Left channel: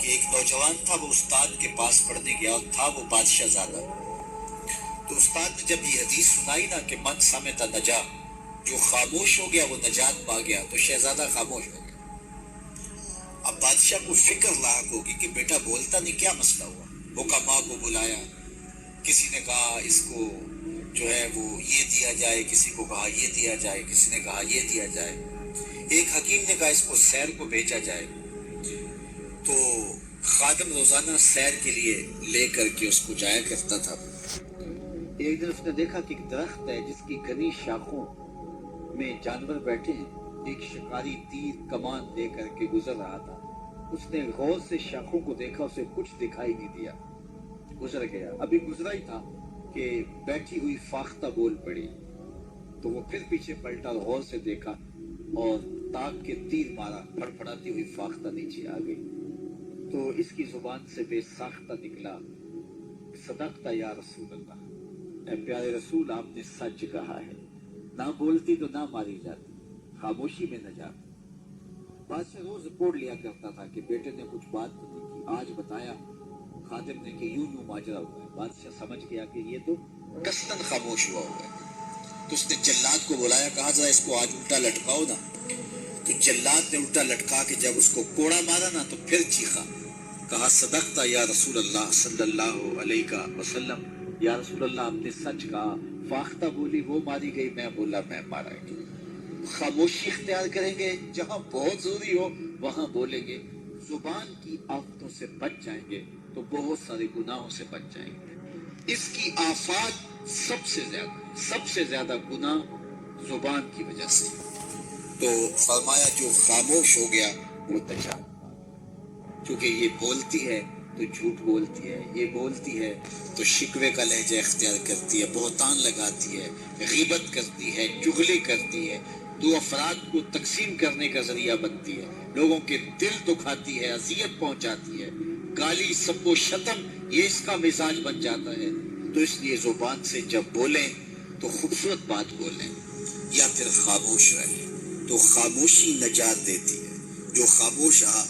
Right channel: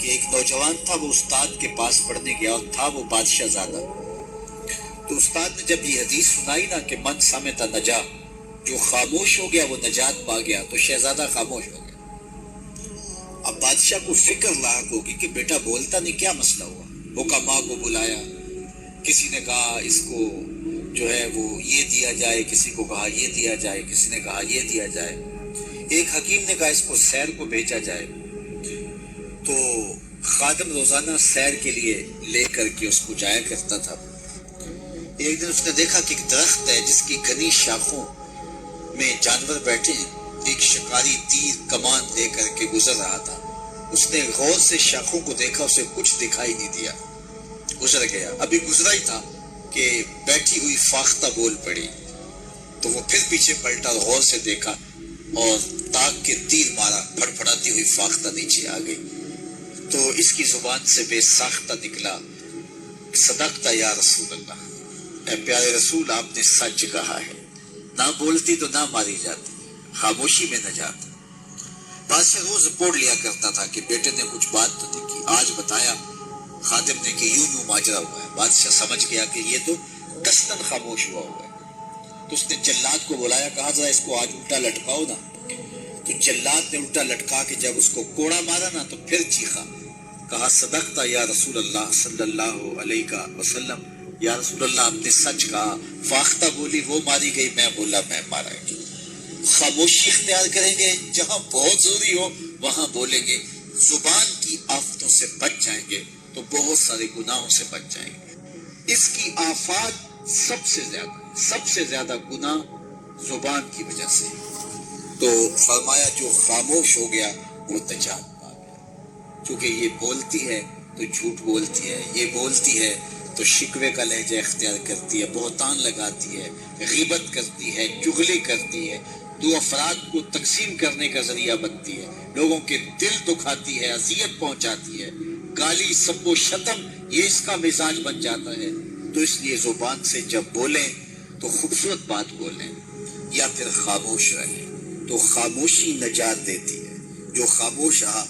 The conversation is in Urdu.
کہ ایک نوجوان تھا، وہ استاد کے پاس پڑھنے گیا اور تھا وہ بادشاہ زادہ. تو استاد نے جب یہ حدیث سنائی نا کہ من سمت نجا، جو خاموش ہو گیا وہ نجات پا گیا، تو شہزادہ خاموش ہو گیا. اب بادشاہ کو فکر لاحق ہوگی کہ بیٹا بولتا نہیں، کیا مسئلہ ہوا. حکماء کو بلایا، کسی نے کہا اس کو جو ہے وہ یہ دیا جائے، کسی کو کہا یہ دیا جائے، کسی نے کہا یہ دیا جائے. ایک حکیم نے کہا اس کو سیر کو بھیجا جائے. تو خادم روزانہ سیر کے لیے لے کر کے اس کو جایا کرتا تھا. ایک دن اس نے دیکھا کہ ایک درخت ہے جس کی گھنی شاخوں میں جانور بیٹھے ہیں. ایک شکاری تیر کمان لے کر کے گزر رہا تھا. اس نے غور سے شاخوں کو دیکھا، اسے کچھ دکھائی نہیں دیا، گزر گیا. ابھی گزرا ہی تھا کہ بیٹھی ہوئی فاختہ بول پڑی. تو وہ پھر پیچھے پلٹا اور غور سے دیکھا اور تاک کے تیر مارا، پھڑپھڑاتی ہوئی فاختہ نیچے آ گئی. تو اس کی زبان سے بے ساختہ نکلا، صدقت یا رسول اللہ، اے پیارے رسول آپ نے سچ کہا ہے. نہ بولتی تو نہ ماری جاتی، خاموشی میں نجات. بادشاہ روز رپورٹ لیا کرتا تھا کہ بیٹے نے کچھ بات تو نہیں کی. آج بتایا خادم نے کہ یوں ماجرا ہوا ہے. بادشاہ سمجھ گیا کہ یہ تو قصداً خاموش ہوا ہے. تو اس نے جلاد کو بلایا، کہا ذرا اس کو آج الٹا لٹکاؤ نا. تو جلاد نے الٹا لٹکا کے جب اس کو کوڑا مارا نا تو پھر چیخا، کہا صدقت یا رسول اللہ صلی اللہ علیہ وسلم، یا رسول اللہ آپ نے سچ کہا. فاختہ بولی وہ ماری گئی، میں بولا میں مارا گیا. خاموشی اختیار کریں گے، جہاں بہت ضروری ہو وہاں بولیں گے. زبان کی آفتوں سے بچ جائیں گے تو بہت سارے گناہوں سے بچ جائیں گے. اس کی آفات سب سے زیادہ گناہ زبان کی وجہ سے. تو فرمایا جو خاموش ہو گیا وہ نجات پا گیا. چونکہ یہ بولتی ہے تو جھوٹ بولتی ہے، یہ بولتی ہے تو شکوے کا لہجہ اختیار کرتی ہے، بہتان لگاتی ہے، غیبت کرتی ہے، چغلی کرتی ہے، دو افراد کو تقسیم کرنے کا ذریعہ بنتی ہے، لوگوں کے دل دکھاتی ہے، اذیت پہنچاتی ہے، گالی سب و شتم یہ اس کا مزاج بن جاتا ہے. تو اس لیے زبان سے جب بولیں تو خوبصورت بات بولیں یا پھر خاموش رہیں. تو خاموشی نجات دیتی ہے. جو خاموش رہا